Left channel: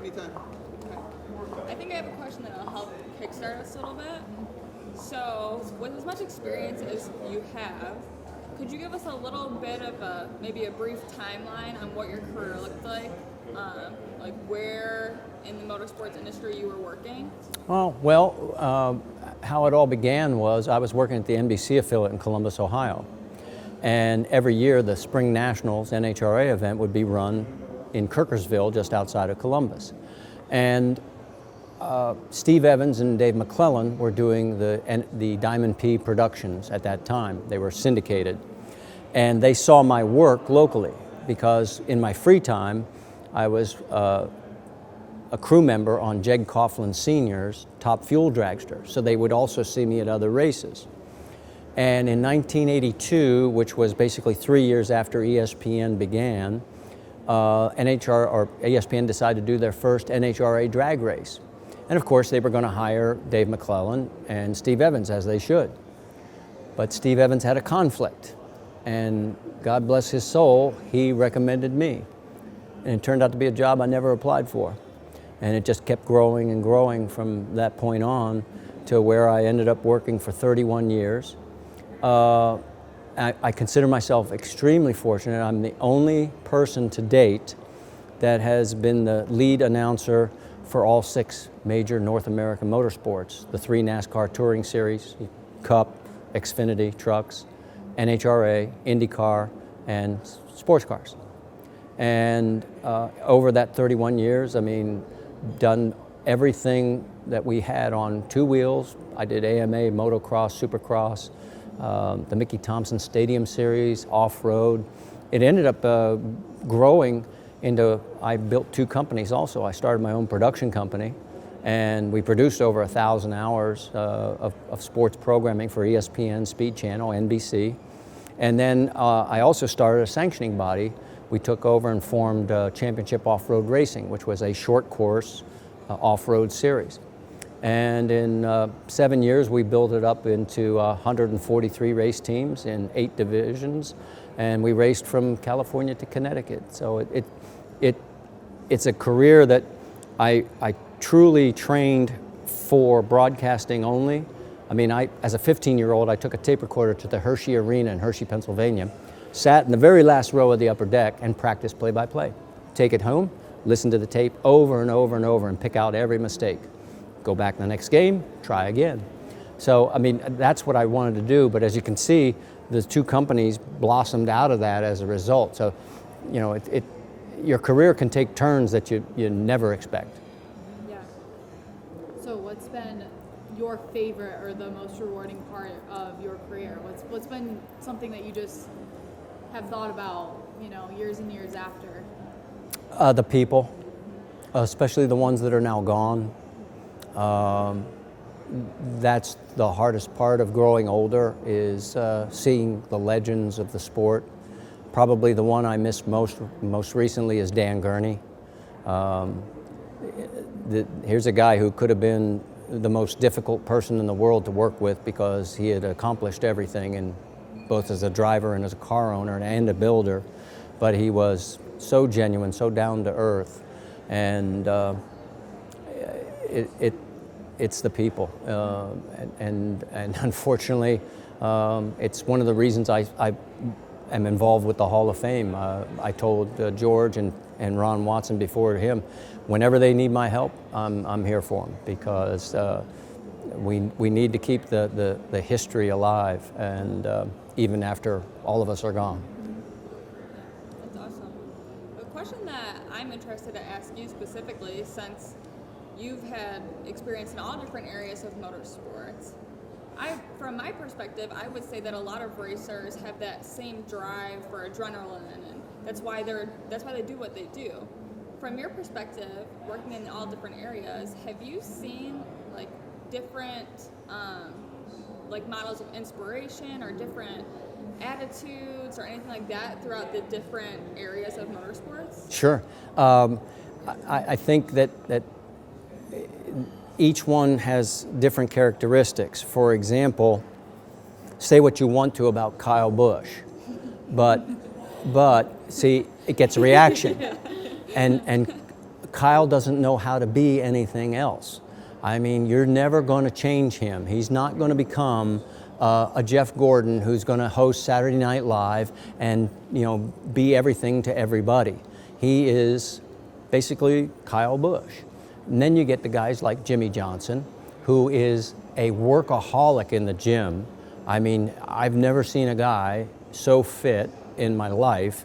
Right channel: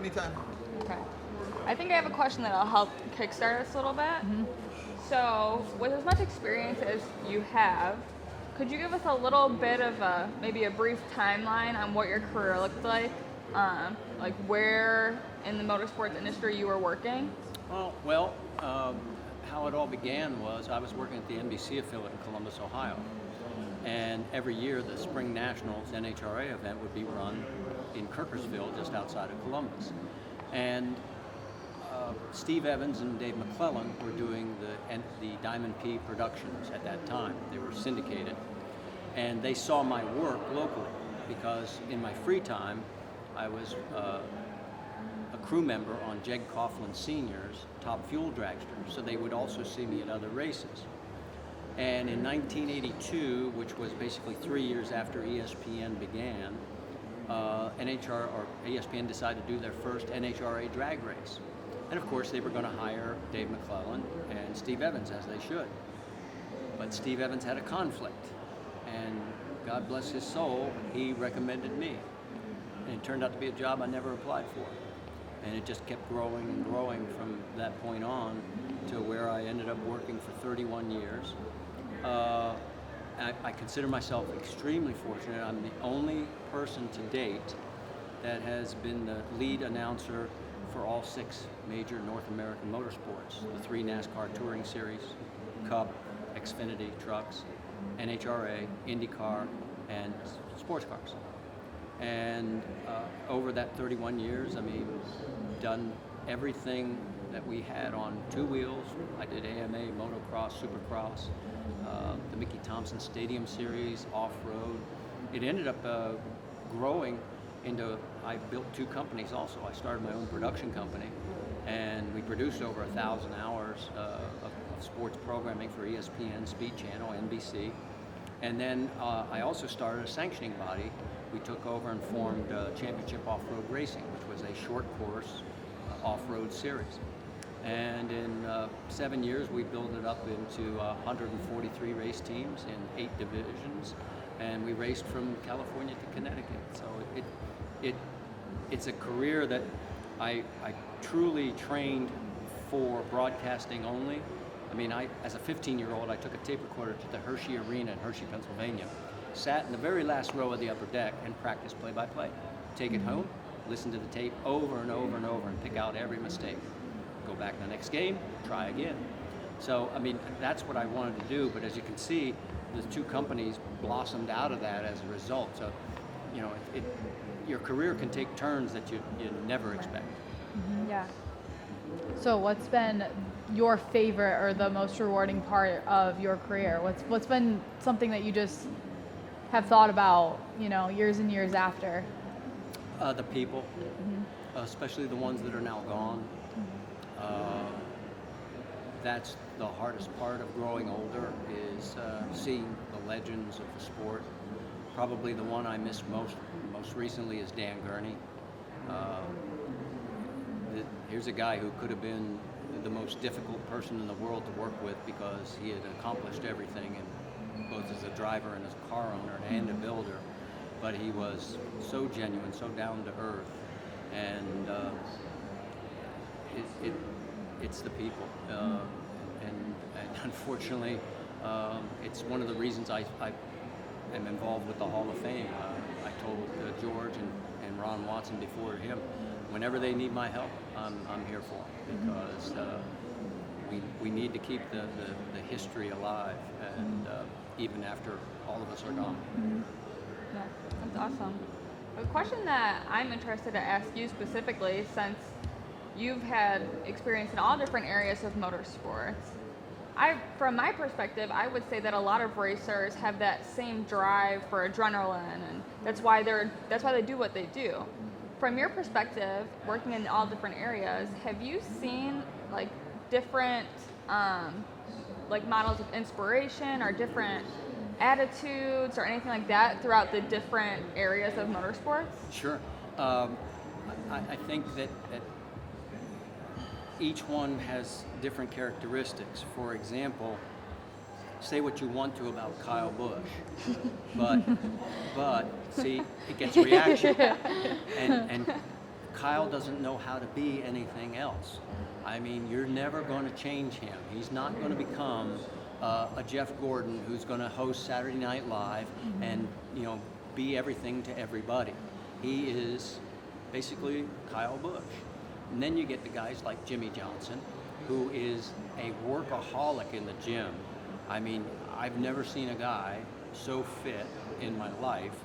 Anytime. Okay. I think I have a question that'll help kickstart us a little bit. So, with as much experience as you have, could you give us a little bit of maybe a brief timeline on what your career looked like where in the motorsports industry you were working? How it all began was I was working at the NBC affiliate in Columbus, Ohio. And every year the Spring Nationals NHRA event would be run in Kirkersville, just outside of Columbus. And Steve Evans and Dave McClellan were doing the Diamond P productions at that time. They were syndicated. And they saw my work locally because in my free time, I was a crew member on Jeg Coughlin Sr.'s Top Fuel Dragster. So they would also see me at other races. And in 1982, which was basically 3 years after ESPN began, ESPN decided to do their first NHRA drag race. And of course, they were going to hire Dave McClellan and Steve Evans, as they should. But Steve Evans had a conflict, and God bless his soul, he recommended me. And it turned out to be a job I never applied for. And it just kept growing and growing from that point on to where I ended up working for 31 years. I consider myself extremely fortunate. I'm the only person to date that has been the lead announcer for all 6 major North American motorsports, the 3 NASCAR Touring Series, Cup, Xfinity, Trucks, NHRA, IndyCar, and sports cars. And over that 31 years, done everything that we had on 2 wheels. I did AMA, motocross, supercross, the Mickey Thompson Stadium Series, off-road. It ended up growing into, I built 2 companies also. I started my own production company, and we produced over 1,000 hours of sports programming for ESPN, Speed Channel, NBC. And then I also started a sanctioning body. We took over and formed Championship Off-Road Racing, which was a short course off-road series. And in 7 years, we built it up into 143 race teams in 8 divisions, and we raced from California to Connecticut. So it's a career that I truly trained for broadcasting only. As a 15-year-old, I took a tape recorder to the Hershey Arena in Hershey, Pennsylvania, sat in the very last row of the upper deck and practiced play-by-play. Take it home, listen to the tape over and over and over and pick out every mistake. Go back the next game, try again. So, that's what I wanted to do, but as you can see, the 2 companies blossomed out of that as a result. So, your career can take turns that you never expect. Yeah. So what's been your favorite or the most rewarding part of your career? What's been something that you just have thought about, years and years after? The people, especially the ones that are now gone. That's the hardest part of growing older, is seeing the legends of the sport. Probably the one I miss most recently is Dan Gurney. Here's a guy who could have been the most difficult person in the world to work with because he had accomplished everything, and both as a driver and as a car owner and a builder. But he was so genuine, so down to earth, and it's the people, and unfortunately, it's one of the reasons I am involved with the Hall of Fame. I told George and Ron Watson before him, whenever they need my help, I'm here for them, because we need to keep the history alive, and even after all of us are gone. Yeah, that's awesome. A question that I'm interested to ask you specifically, since you've had experience in all different areas of motorsports, from my perspective, I would say that a lot of racers have that same drive for adrenaline, and that's why they do what they do. From your perspective, working in all different areas, have you seen different models of inspiration or different attitudes or anything like that throughout the different areas of motorsports? Sure. I think that each one has different characteristics. For example, say what you want to about Kyle Busch, but see, it gets a reaction. And Kyle doesn't know how to be anything else. I mean, you're never going to change him. He's not going to become a Jeff Gordon who's going to host Saturday Night Live and, you know, be everything to everybody. He is basically Kyle Busch. And then you get the guys like Jimmy Johnson, who is a workaholic in the gym. I mean, I've never seen a guy so fit in my life,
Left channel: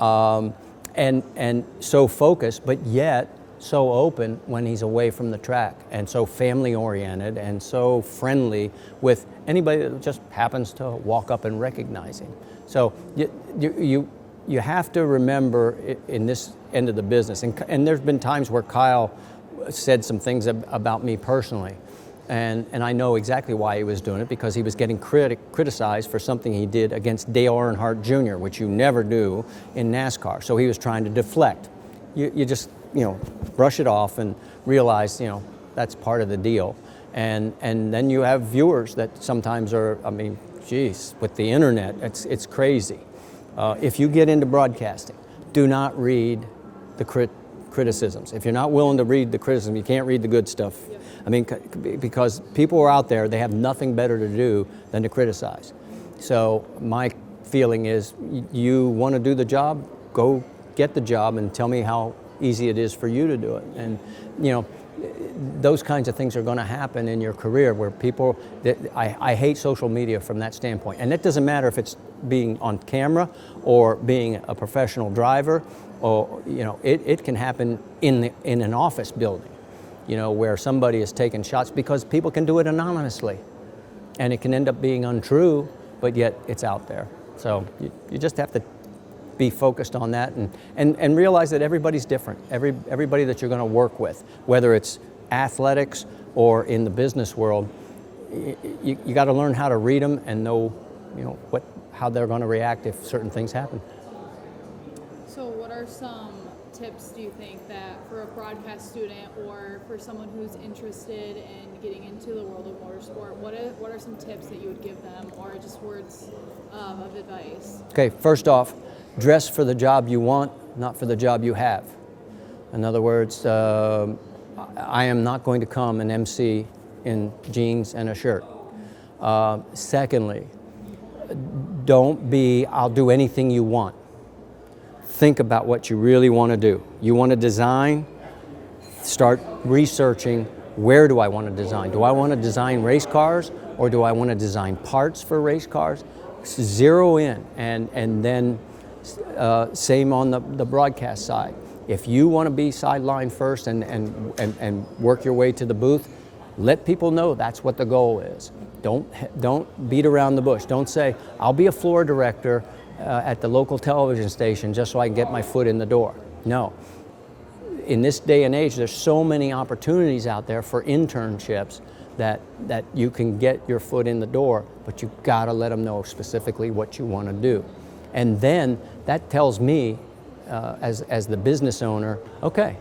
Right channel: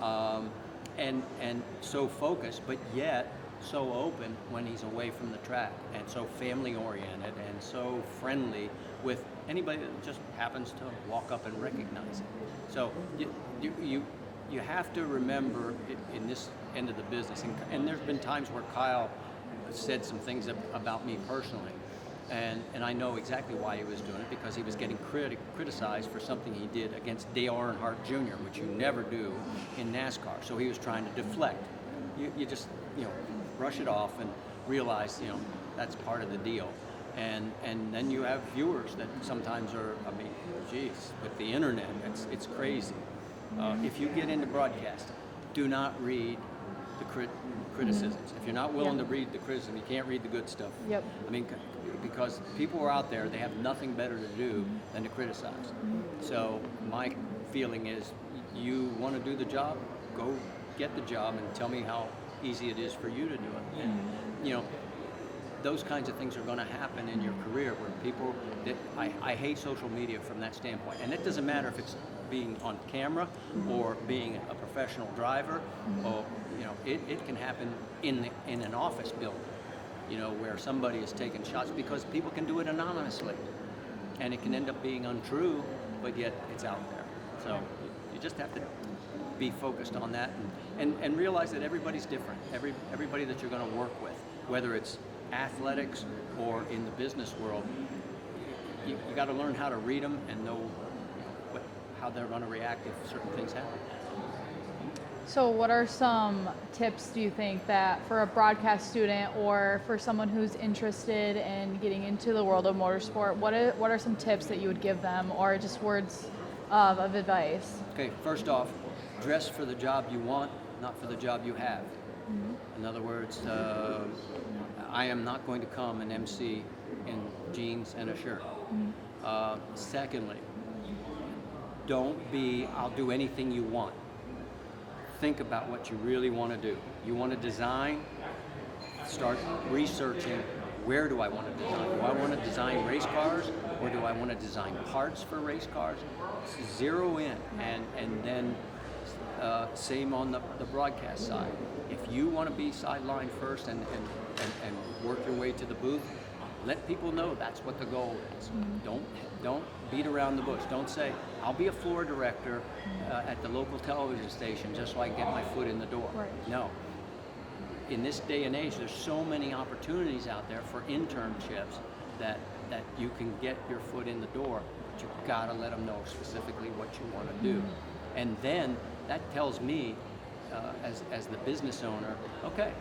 and so focused, but yet so open when he's away from the track, and so family oriented and so friendly with anybody that just happens to walk up and recognize him. So you have to remember in this end of the business, and there's been times where Kyle said some things about me personally, and I know exactly why he was doing it, because he was getting criticized for something he did against Dale Earnhardt Jr., which you never do in NASCAR. So he was trying to deflect. You just, you know, brush it off and realize, you know, that's part of the deal. And then you have viewers that sometimes are, I mean, geez, with the internet, it's crazy. If you get into broadcasting, do not read the criticisms. If you're not willing to read the criticism, you can't read the good stuff. Yep. I mean, because people are out there, they have nothing better to do than to criticize. So my feeling is, you want to do the job, go get the job and tell me how easy it is for you to do it. And, you know, those kinds of things are going to happen in your career where people, I hate social media from that standpoint. And it doesn't matter if it's being on camera or being a professional driver, or, you know, it can happen in an office building, you know, where somebody is taking shots, because people can do it anonymously. And it can end up being untrue, but yet it's out there. So you just have to be focused on that and realize that everybody's different. Everybody that you're going to work with, whether it's athletics or in the business world, you got to learn how to read them and know, you know, how they're going to react if certain things happen. So what are some tips, do you think, that for a broadcast student or for someone who's interested in getting into the world of motorsport, what are some tips that you would give them, or just words of advice? Okay, first off, dress for the job you want, not for the job you have. In other words, I am not going to come and MC in jeans and a shirt. Secondly, don't be, I'll do anything you want. Think about what you really want to do. You want to design, start researching, where do I want to design? Do I want to design race cars, or do I want to design parts for race cars? Zero in, and then same on the broadcast side. If you want to be sideline first and work your way to the booth, let people know that's what the goal is. Don't beat around the bush. Don't say, I'll be a floor director at the local television station just so I can get my foot in the door. No. In this day and age, there's so many opportunities out there for internships that you can get your foot in the door, but you've got to let them know specifically what you want to do. And then that tells me, as the business owner, okay,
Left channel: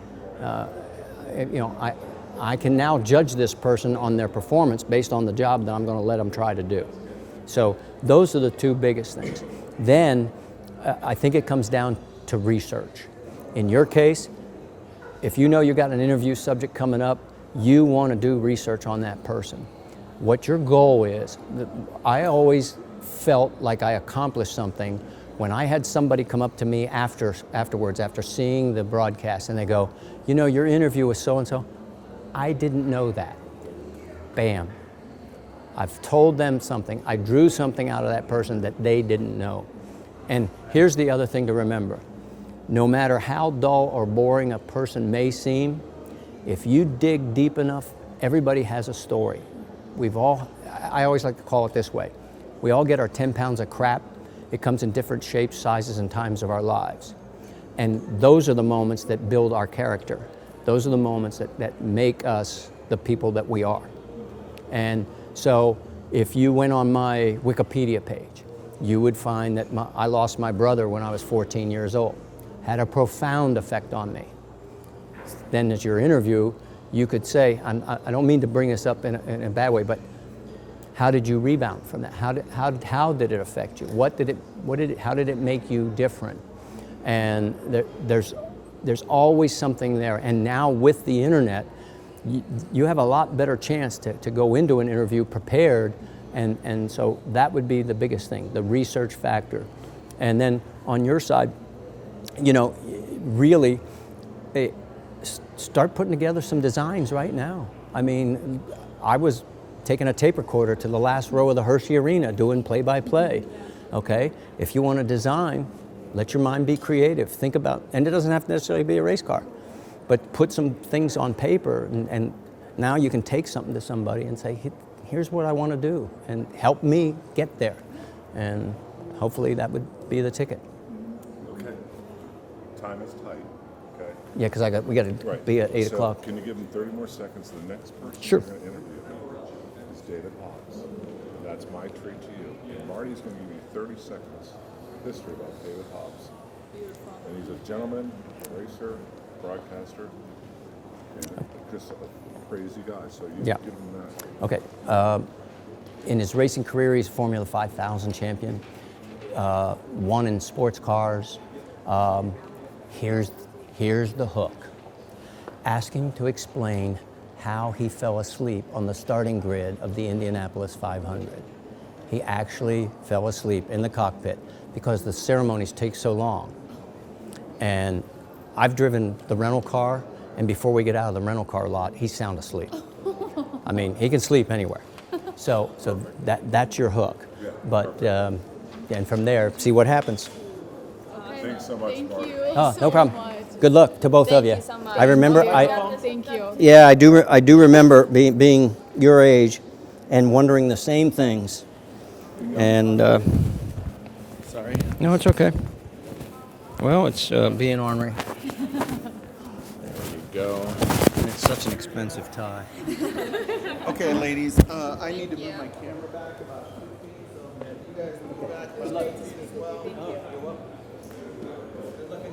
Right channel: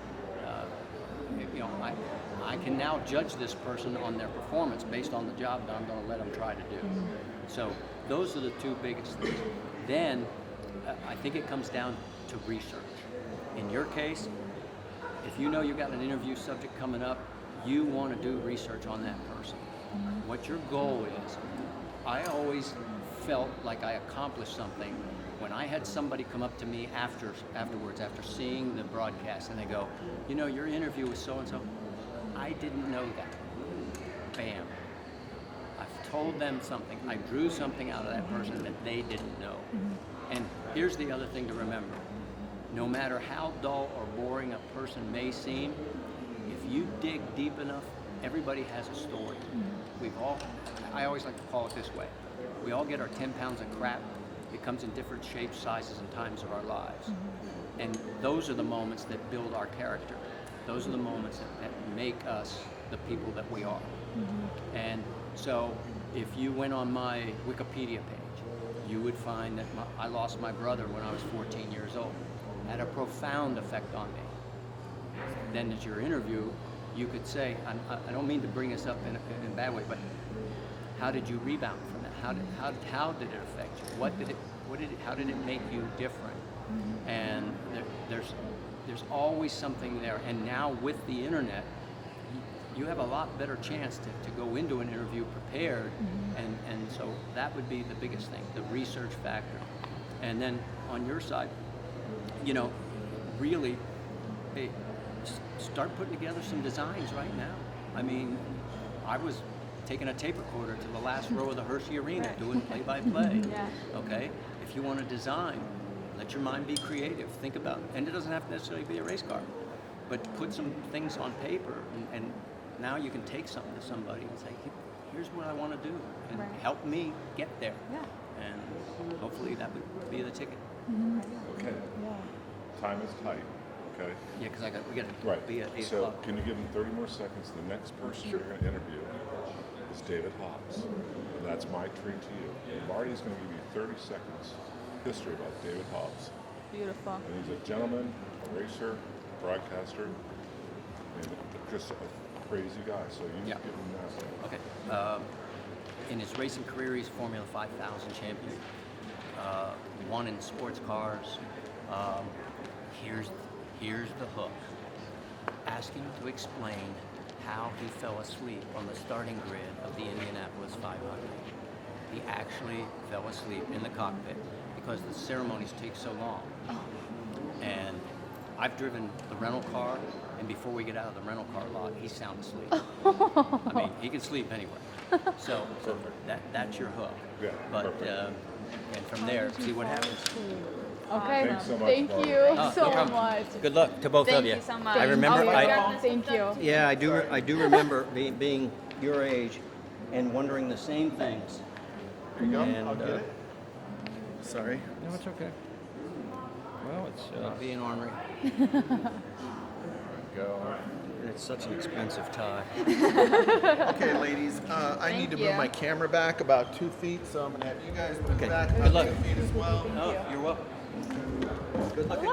you know, I can now judge this person on their performance based on the job that I'm going to let them try to do. So those are the two biggest things. Then I think it comes down to research. In your case, if you know you got an interview subject coming up, you want to do research on that person. What your goal is. I always felt like I accomplished something when I had somebody come up to me afterwards, after seeing the broadcast, and they go, you know, your interview was so-and-so. I didn't know that. Bam. I've told them something. I drew something out of that person that they didn't know. And here's the other thing to remember. No matter how dull or boring a person may seem, if you dig deep enough, everybody has a story. I always like to call it this way. We all get our 10 pounds of crap. It comes in different shapes, sizes, and times of our lives. And those are the moments that build our character. Those are the moments that make us the people that we are. And so if you went on my Wikipedia page, you would find that I lost my brother when I was 14 years old. Had a profound effect on me. Then as your interview, you could say, I don't mean to bring this up in a bad way, but how did you rebound from that? How did it affect you? How did it make you different? And there's there's always something there. And now with the internet, you have a lot better chance to go into an interview prepared, and so that would be the biggest thing, the research factor. And then on your side, you know, really start putting together some designs right now. I mean, I was taking a tape recorder to the last row of the Hershey Arena doing play-by-play. Yeah. Okay, if you want to design, let your mind be creative. Think about, and it doesn't have to necessarily be a race car, but put some things on paper, and now you can take something to somebody and say, here's what I want to do, and help me get there. And hopefully that would be the ticket. Okay. Time is tight. Okay. Yeah, because we got to Right. be at 8 So o'clock. Can you give them 30 more seconds? The next person Sure. you're going to interview is David Hobbs. And that's my treat to you. Marty's going to give you 30 seconds history about David Hobbs. Beautiful. And he's a gentleman, racer, broadcaster, just a crazy guy. So you Yeah. give him that. Okay. In his racing career, he's Formula 5000 champion. Won in sports cars. Here's the hook. Ask him to explain how he fell asleep on the starting grid of the Indianapolis 500. He actually fell asleep in the cockpit because the ceremonies take so long. And I've driven the rental car, and before we get out of the rental car lot, he's sound asleep. I mean, he can sleep anywhere. So that's your hook. Yeah, But and from there, see what happens. Okay. Thanks so much, Thank Marty. you Oh, so no problem. much. Good luck to both of Thank you. you so much. I remember Thank you. Yeah, I do remember being your age and wondering the same things. And Sorry. no, it's okay. Well, it's being ornery. Go. And it's such an expensive tie. Okay, ladies, I need to you. move my camera back about 2 feet, so I'm going to have you guys move Okay. back Good about luck. 2 feet as well. Oh, you're welcome. Good luck.